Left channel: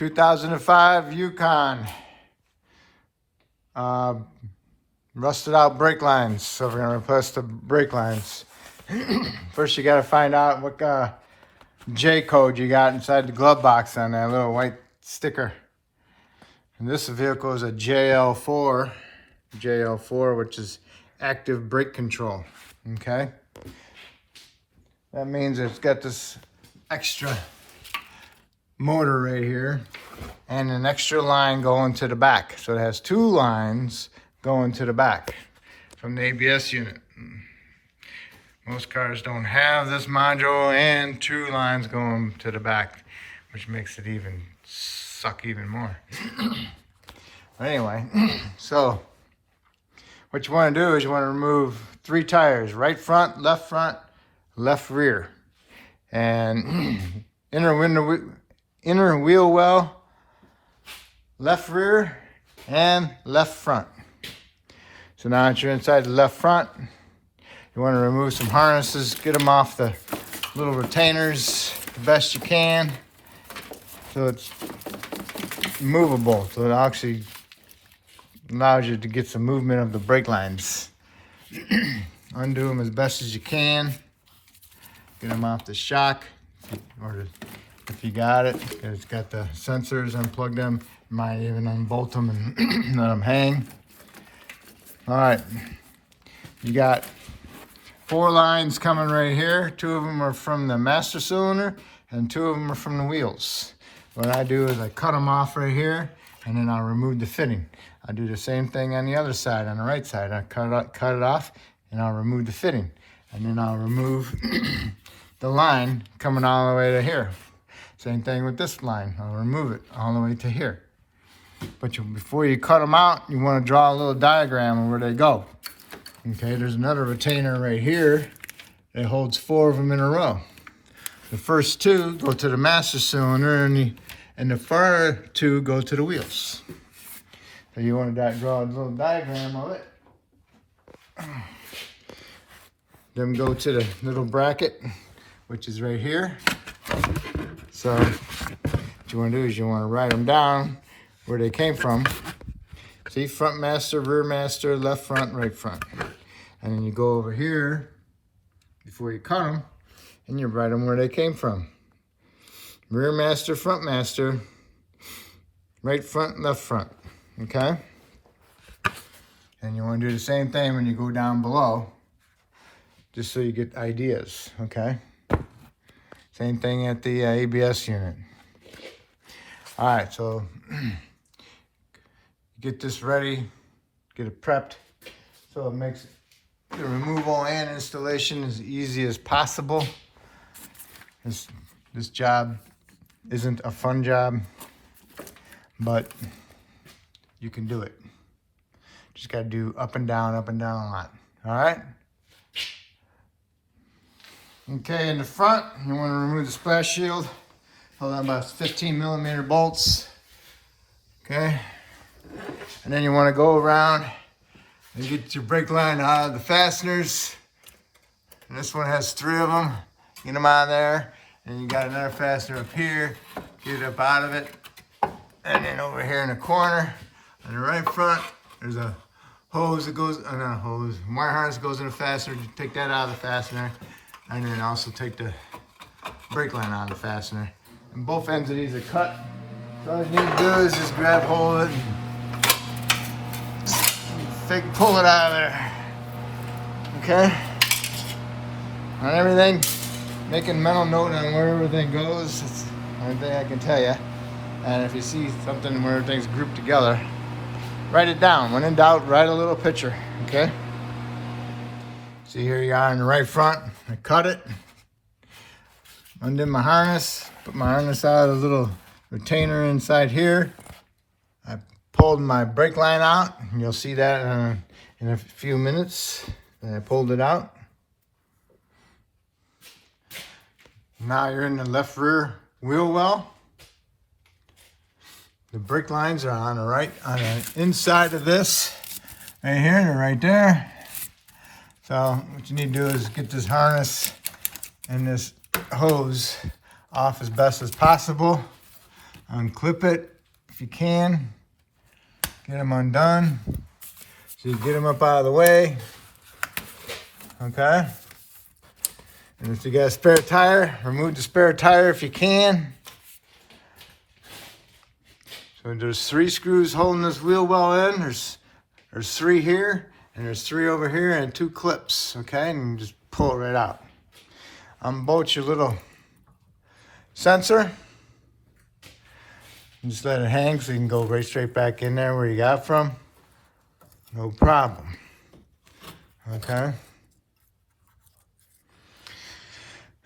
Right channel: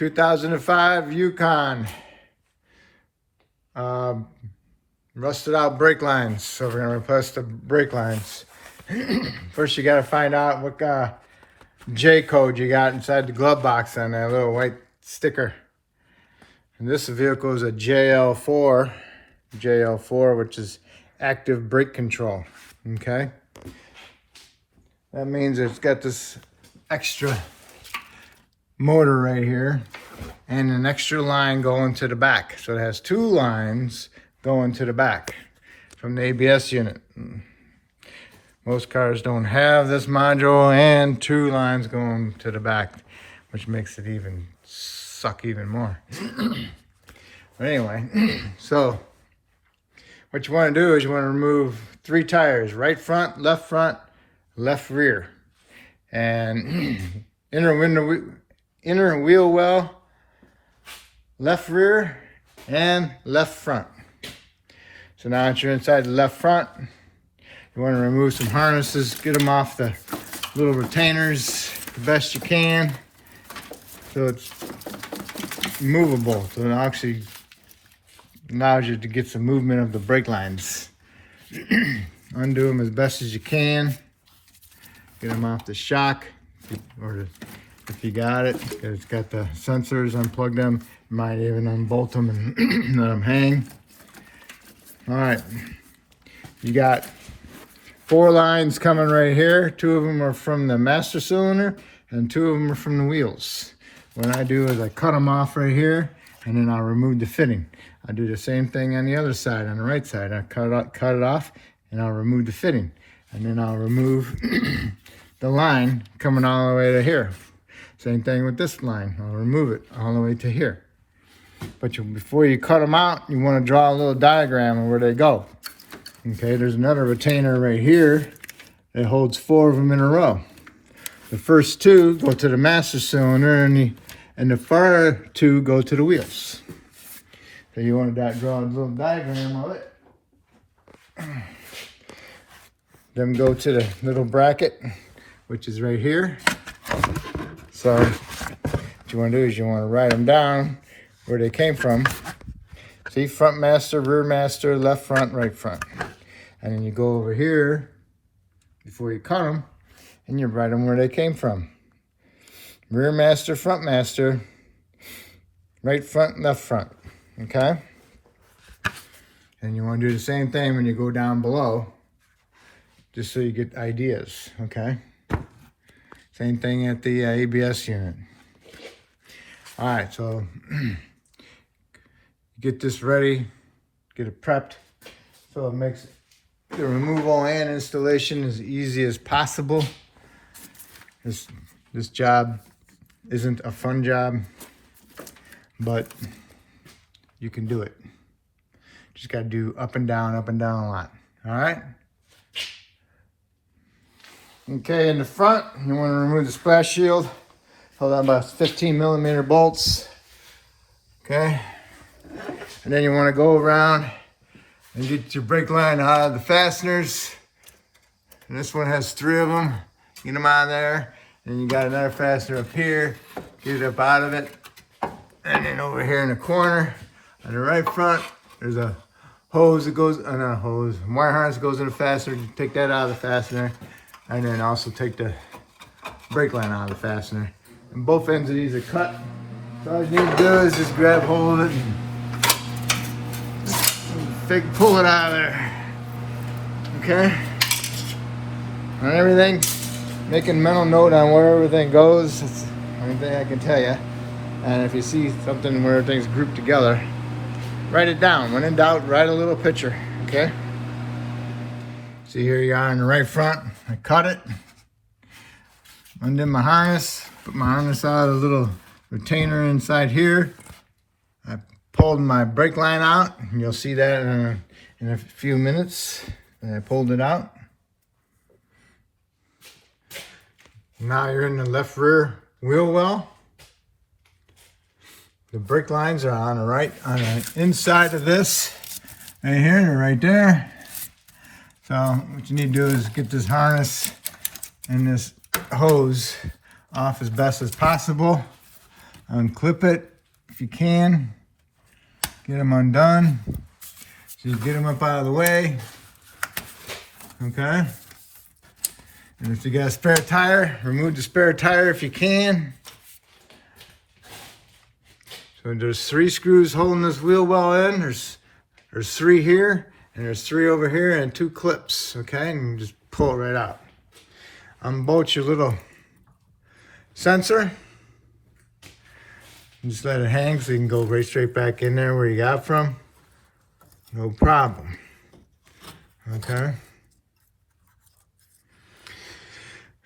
2005 Yukon. Rusted out brake lines. So we're gonna replace the brake lines. First you gotta find out what J code you got inside the glove box on that little white sticker. And this vehicle is a JL4, which is active brake control, okay? That means it's got this extra motor right here and an extra line going to the back. So it has two lines going to the back from the ABS unit. Most cars don't have this module and two lines going to the back, which makes it suck even more. But anyway, so what you want to do is you want to remove 3 tires: right front, left rear, and inner wheel well, left rear, and left front. So now that you're inside the left front, you want to remove some harnesses, get them off the little retainers the best you can, so it's movable, so it actually allows you to get some movement of the brake lines. Undo them as best as you can. Get them off the shock, or if you got it, it's got the sensors. Unplug them. You might even unbolt them and let them hang. All right, you got 4 lines coming right here. 2 of them are from the master cylinder, and 2 of them are from the wheels. What I do is I cut them off right here, and then I'll remove the fitting. I do the same thing on the other side, on the right side. I cut it off, and I'll remove the fitting. And then I'll remove the line coming all the way to here. Same thing with this line. I'll remove it all the way to here. But before you cut them out, you want to draw a little diagram of where they go. Okay, there's another retainer right here that holds 4 of them in a row. The first 2 go to the master cylinder, and the far 2 go to the wheels. So you want to draw a little diagram of it. Then go to the little bracket, which is right here. So what you want to do is you want to write them down where they came from. See, front master, rear master, left front, right front. And then you go over here before you cut them, and you write them where they came from. Rear master, front master, right front, left front. Okay? And you want to do the same thing when you go down below, just so you get ideas. Okay? Same thing at the ABS unit. All right, so get this ready, get it prepped, so it makes the removal and installation as easy as possible. This job isn't a fun job, but you can do it. Just gotta do up and down a lot. All right? Okay, in the front, you want to remove the splash shield. Hold on about 15mm bolts. Okay? And then you want to go around and get your brake line out of the fasteners. And this one has 3 of them. Get them out of there. And you got another fastener up here. Get it up out of it. And then over here in the corner, on the right front, there's a hose that goes, not a hose, wire harness that goes in the fastener. You take that out of the fastener. And then also take the brake line out of the fastener. And both ends of these are cut. So all you need to do is just grab hold of it and pull it out of there. Okay? On everything, making mental note on where everything goes. It's the only thing I can tell you. And if you see something where everything's grouped together, write it down. When in doubt, write a little picture. Okay? See, here you are in the right front. I cut it, undid my harness, put my harness out of the little retainer inside here. I pulled my brake line out, and you'll see that in a few minutes. And I pulled it out. Now you're in the left rear wheel well. The brake lines are on the inside of this, right here and right there. So what you need to do is get this harness and this hose off as best as possible. Unclip it if you can. Get them undone. So you get them up out of the way. Okay. And if you got a spare tire, remove the spare tire if you can. So there's 3 screws holding this wheel well in. There's 3 here, and there's 3 over here, and 2 clips. Okay, and you just pull it right out. Unbolt your little sensor. Just let it hang so you can go right straight back in there where you got from. No problem. Okay.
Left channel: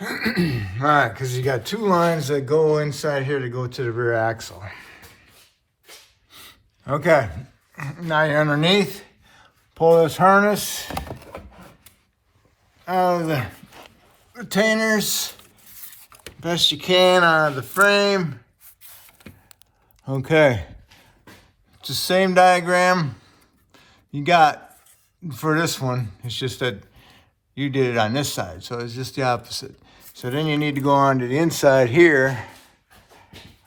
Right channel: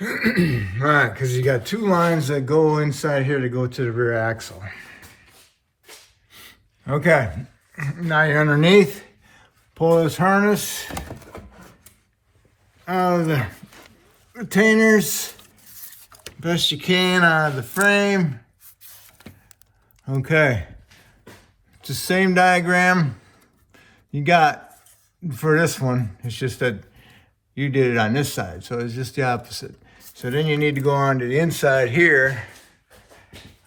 Alright, because you got 2 lines that go inside here to go to the rear axle. Okay, now you're underneath. Pull this harness out of the retainers best you can out of the frame. Okay, it's the same diagram you got for this one. It's just that you did it on this side, so it's just the opposite. So then you need to go on to the inside here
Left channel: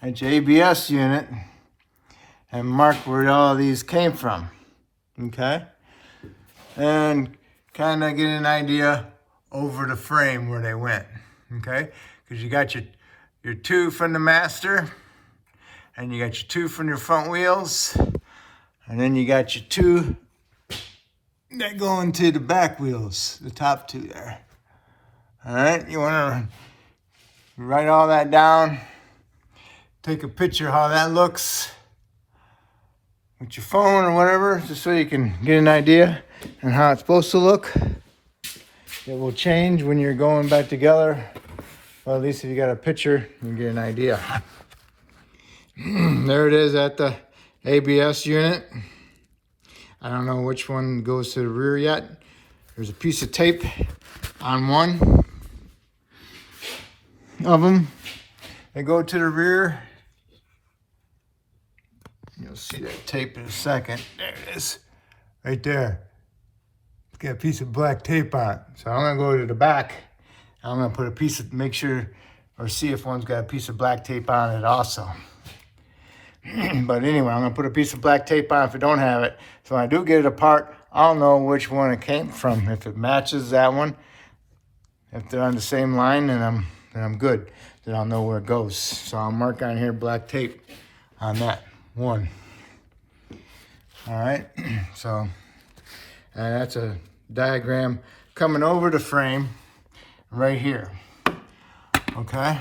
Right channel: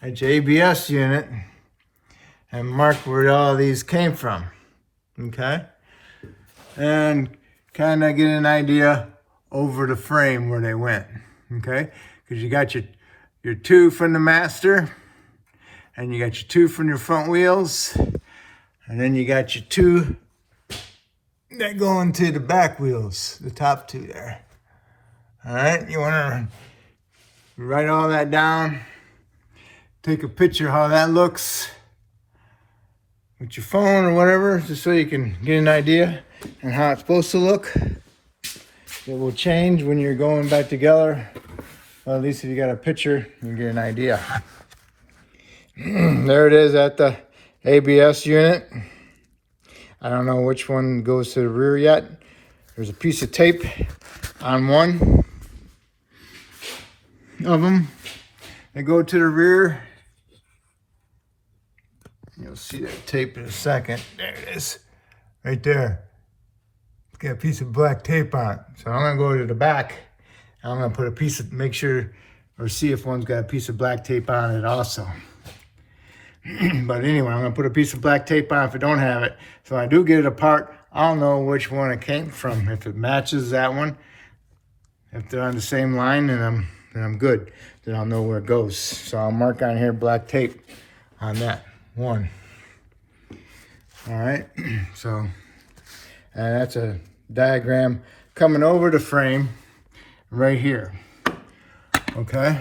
at your ABS unit and mark where all of these came from, okay? And kind of get an idea over the frame where they went, okay? Because you got your 2 from the master, and you got your 2 from your front wheels, and then you got your 2 that go into the back wheels, the top 2 there. All right, you want to write all that down, take a picture how that looks with your phone or whatever, just so you can get an idea on how it's supposed to look. It will change when you're going back together. Well, at least if you got a picture, you can get an idea. There it is at the ABS unit. I don't know which one goes to the rear yet. There's a piece of tape on one of them that go to the rear. You'll see that tape in a second. There it is, right there. It's got a piece of black tape on it. So I'm gonna go to the back. I'm gonna put a piece of, make sure, or see if one's got a piece of black tape on it also. But anyway, I'm gonna put a piece of black tape on if I don't have it. So when I do get it apart, I'll know which one it came from. If it matches that one, if they're on the same line, then I'm good. Then I'll know where it goes. So I'll mark on here black tape on that one. All right, so that's a diagram coming over the frame right here. Okay,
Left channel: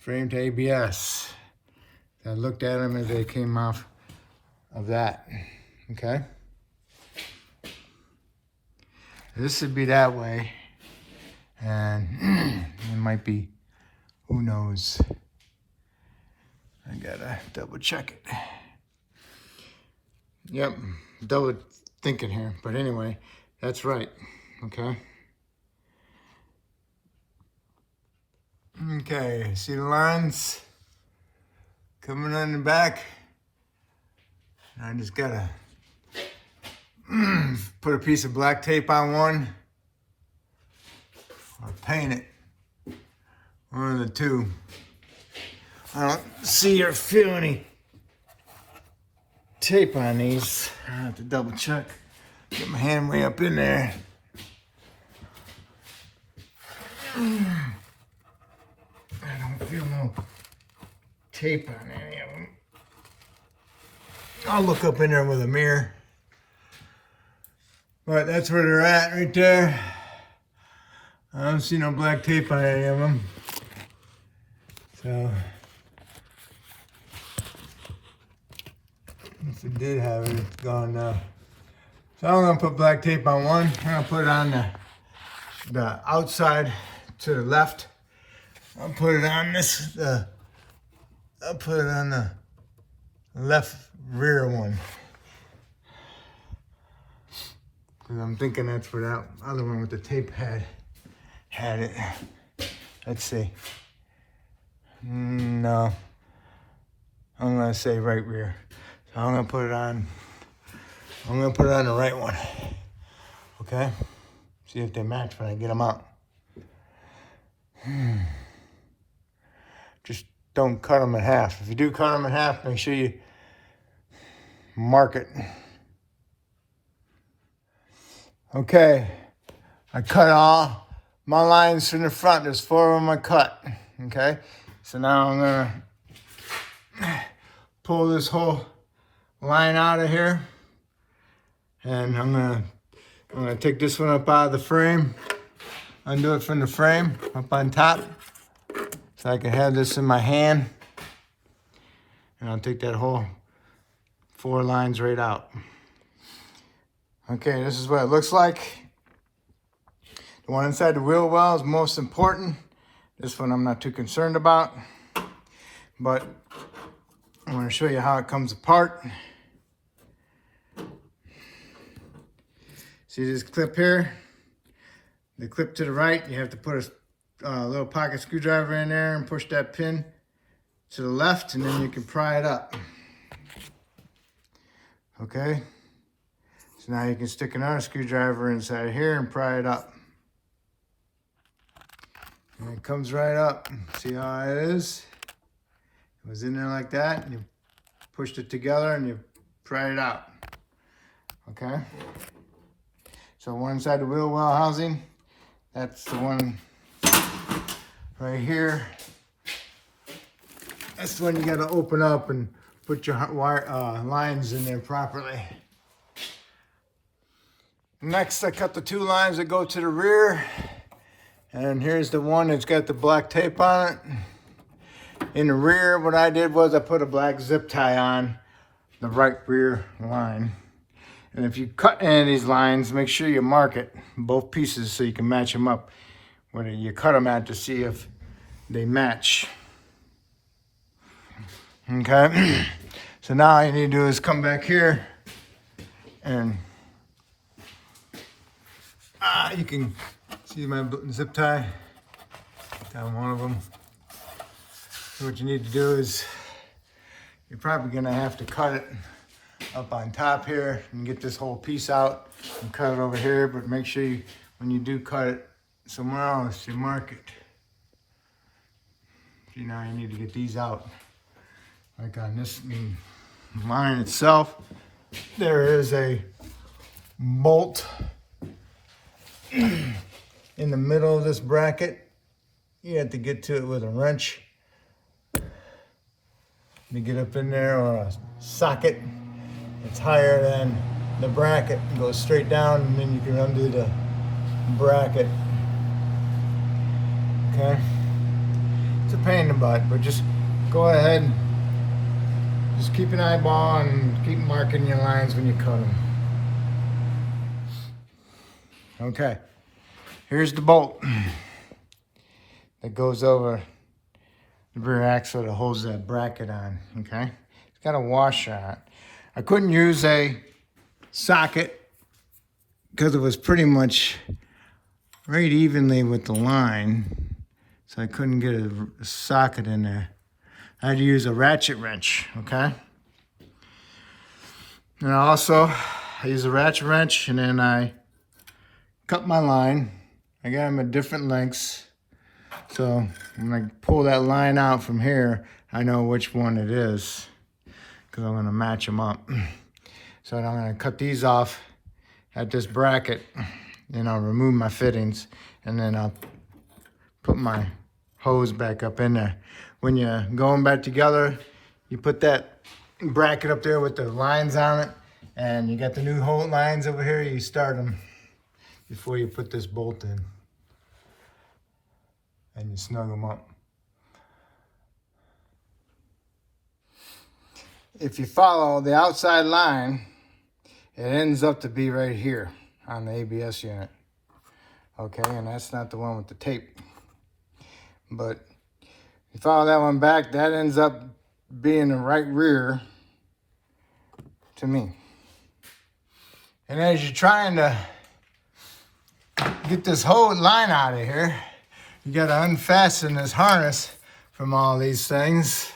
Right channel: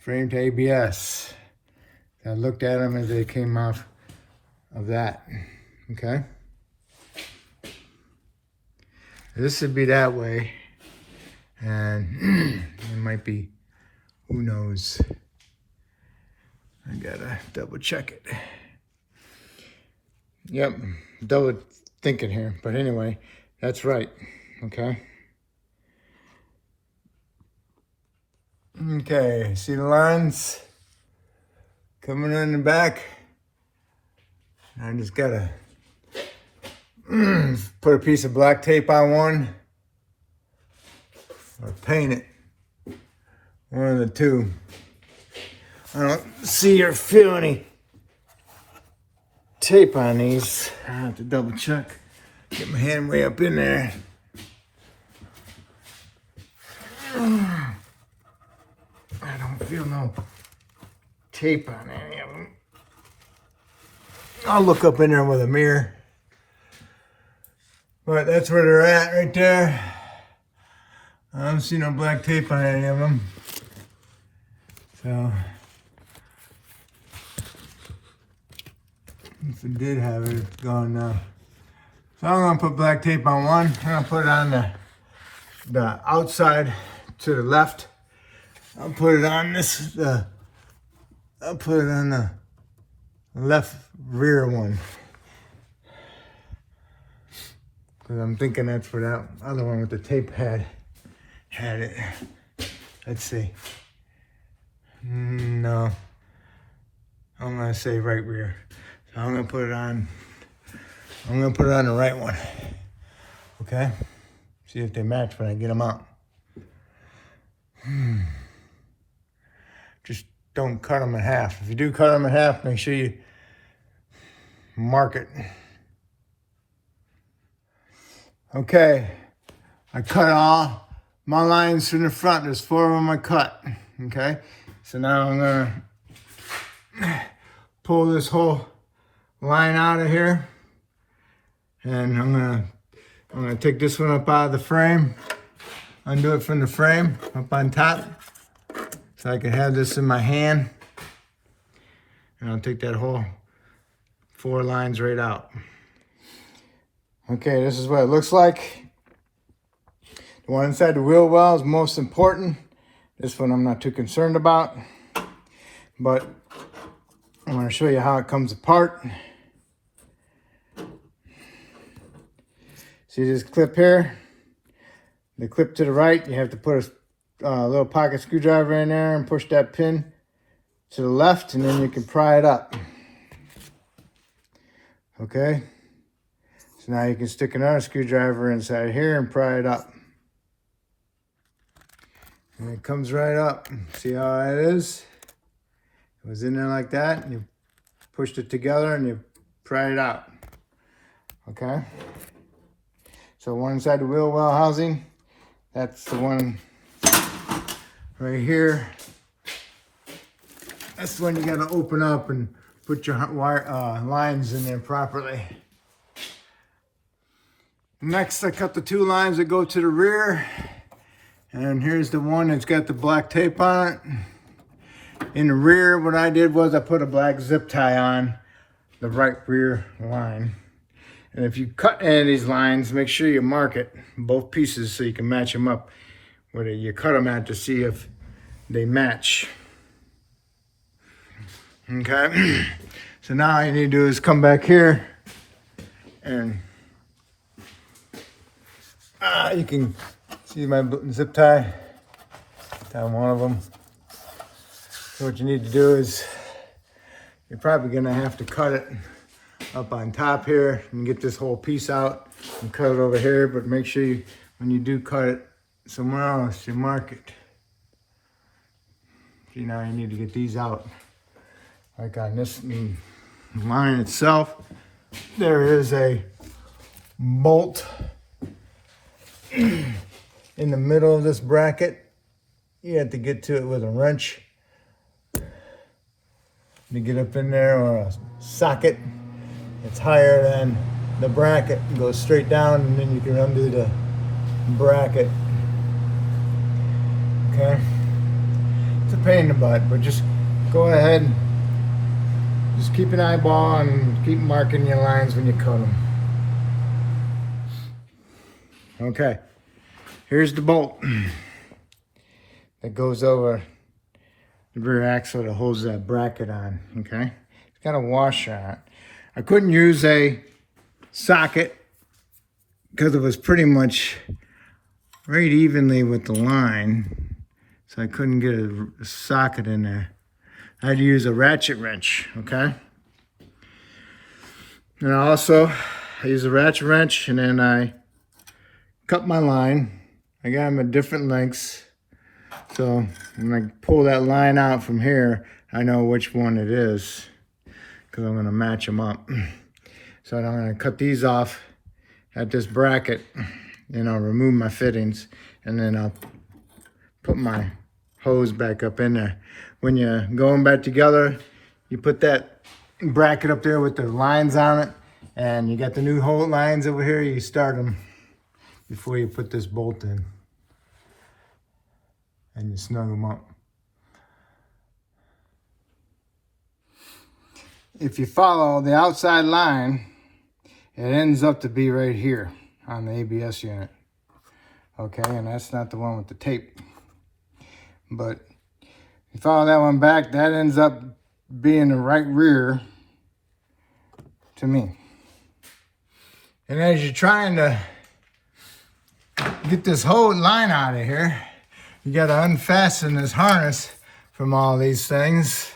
frame to ABS. I looked at them as they came off of that. Okay, this would be that way, and it might be, who knows. I gotta double check it. Yep, double thinking here, but anyway, that's right, okay? Okay, see the lines coming in the back? I just gotta put a piece of black tape on one, or paint it, one of the 2. I don't see or feel any tape on these. I have to double check. Get my hand way up in there. I don't feel no tape on any of them. I'll look up in there with a mirror. But that's where they're at right there. I don't see no black tape on any of them. So if it did have it, it's gone now. So I'm gonna put black tape on one. I'm gonna put it on the outside to the left. I'll put it on this. I'll put it on the left rear one, because I'm thinking that's where that other one with the tape had it. Let's see. No, I'm gonna say right rear. So I'm gonna put it on. I'm gonna put it on the right one. Okay. See if they match when I get them out. Just don't cut them in half. If you do cut them in half, make sure you mark it. Okay, I cut all my lines in the front. There's 4 of them I cut. Okay, so now I'm gonna pull this whole line out of here, and I'm gonna take this one up out of the frame, undo it from the frame up on top, so I can have this in my hand, and I'll take that whole 4 lines right out. Okay, this is what it looks like. The one inside the wheel well is most important. This one I'm not too concerned about, but I'm going to show you how it comes apart. See this clip here? The clip to the right, you have to put a little pocket screwdriver in there and push that pin to the left, and then you can pry it up. Okay? So now you can stick another screwdriver inside here and pry it up. And it comes right up. See how it is? It was in there like that, and you pushed it together and you pry it out. Okay? So one inside the wheel well housing, that's the one right here. That's the one you gotta open up and put your wire, lines in there properly. Next, I cut the 2 lines that go to the rear. And here's the one that's got the black tape on it. In the rear, what I did was I put a black zip tie on the right rear line. And if you cut any of these lines, make sure you mark it, both pieces, so you can match them up where you cut them at to see if they match. Okay, so now all you need to do is come back here and you can see my zip tie down one of them. So what you need to do is, you're probably gonna have to cut it up on top here and get this whole piece out and cut it over here, but make sure you, when you do cut it somewhere else, you mark it. See, now you need to get these out. Like on this line itself, there is a bolt in the middle of this bracket. You have to get to it with a wrench. You get up in there, or a socket that's higher than the bracket and goes straight down, and then you can undo the bracket. Okay? It's a pain in the butt, but just go ahead and just keep an eyeball and keep marking your lines when you cut them. Okay, here's the bolt that goes over the rear axle that holds that bracket on, okay? It's got a washer on it. I couldn't use a socket because it was pretty much right evenly with the line, so I couldn't get a socket in there. I had to use a ratchet wrench, okay? And also, I use a ratchet wrench, and then I cut my line. I got them at different lengths. So when I pull that line out from here, I know which one it is, because I'm gonna match them up. So I'm gonna cut these off at this bracket, and I'll remove my fittings, and then I'll put my hose back up in there. When you're going back together, you put that bracket up there with the lines on it, and you got the new hole lines over here, you start them before you put this bolt in. And you snug them up. If you follow the outside line, it ends up to be right here on the ABS unit. Okay, and that's not the one with the tape. But you follow that one back, that ends up being the right rear to me. And as you're trying to get this whole line out of here, you got to unfasten this harness from all these things.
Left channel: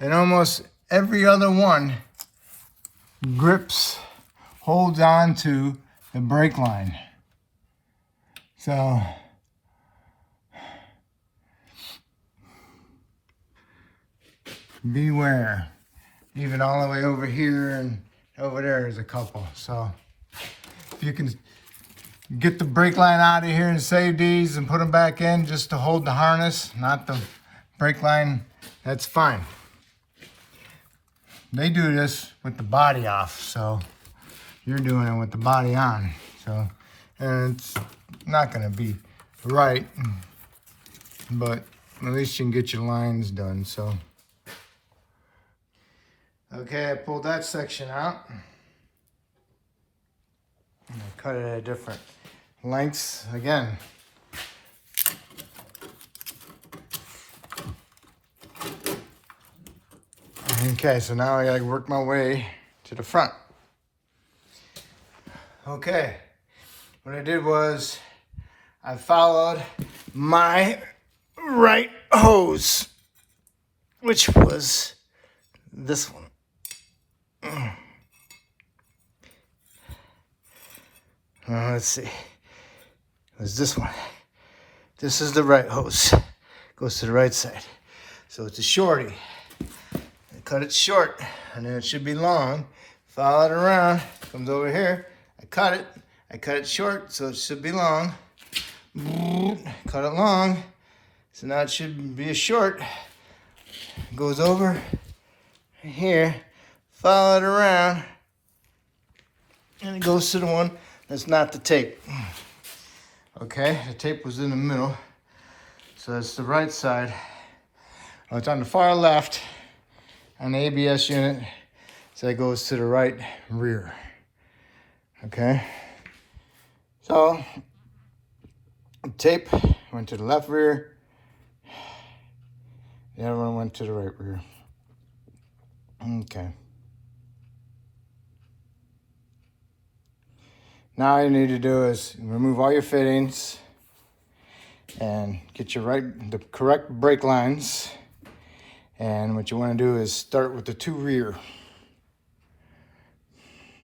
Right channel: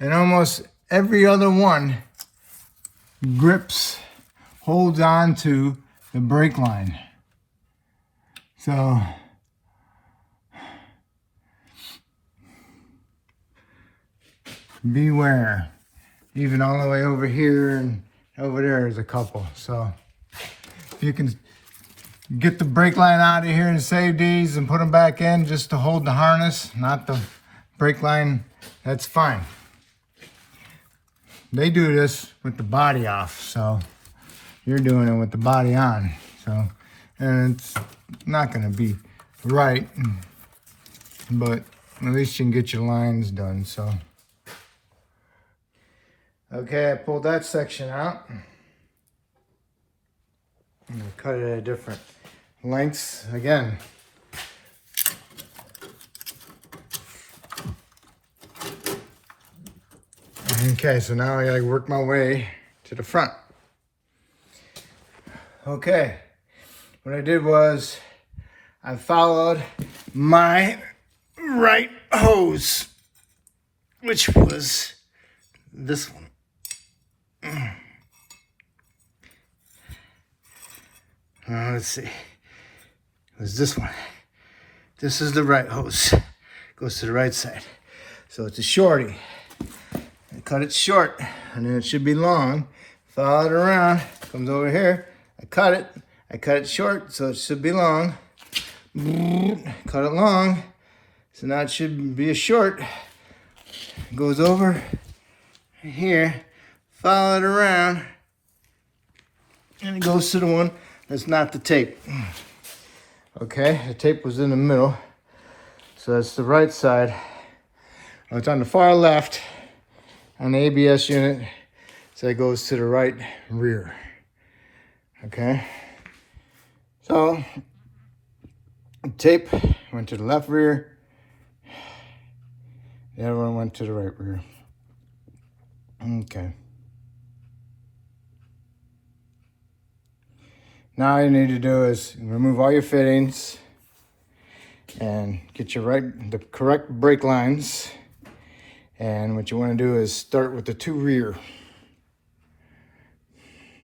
And almost every other one holds on to the brake line. So beware. Even all the way over here and over there is a couple. So if you can get the brake line out of here and save these and put them back in just to hold the harness, not the brake line, that's fine. They do this with the body off, so you're doing it with the body on. So, and it's not gonna be right, but at least you can get your lines done, so. Okay, I pulled that section out. And I cut it at different lengths again. Okay, so now I gotta work my way to the front. Okay, what I did was I followed my right hose, which was this one. Let's see. It was this one. This is the right hose. Goes to the right side. So it's a shorty. I cut it short, and then it should be long. Follow it around. Comes over here. I cut it short, so it should be long. Cut it long. So now it should be a short. Goes over here. Follow it around. And it goes to the one that's not the tape. Okay, the tape was in the middle. So that's the right side. Oh, it's on the far left on the ABS unit. So it goes to the right rear. Okay. So the tape went to the left rear. The other one went to the right rear. Okay. Now all you need to do is remove all your fittings and get the correct brake lines. And what you want to do is start with the two rear.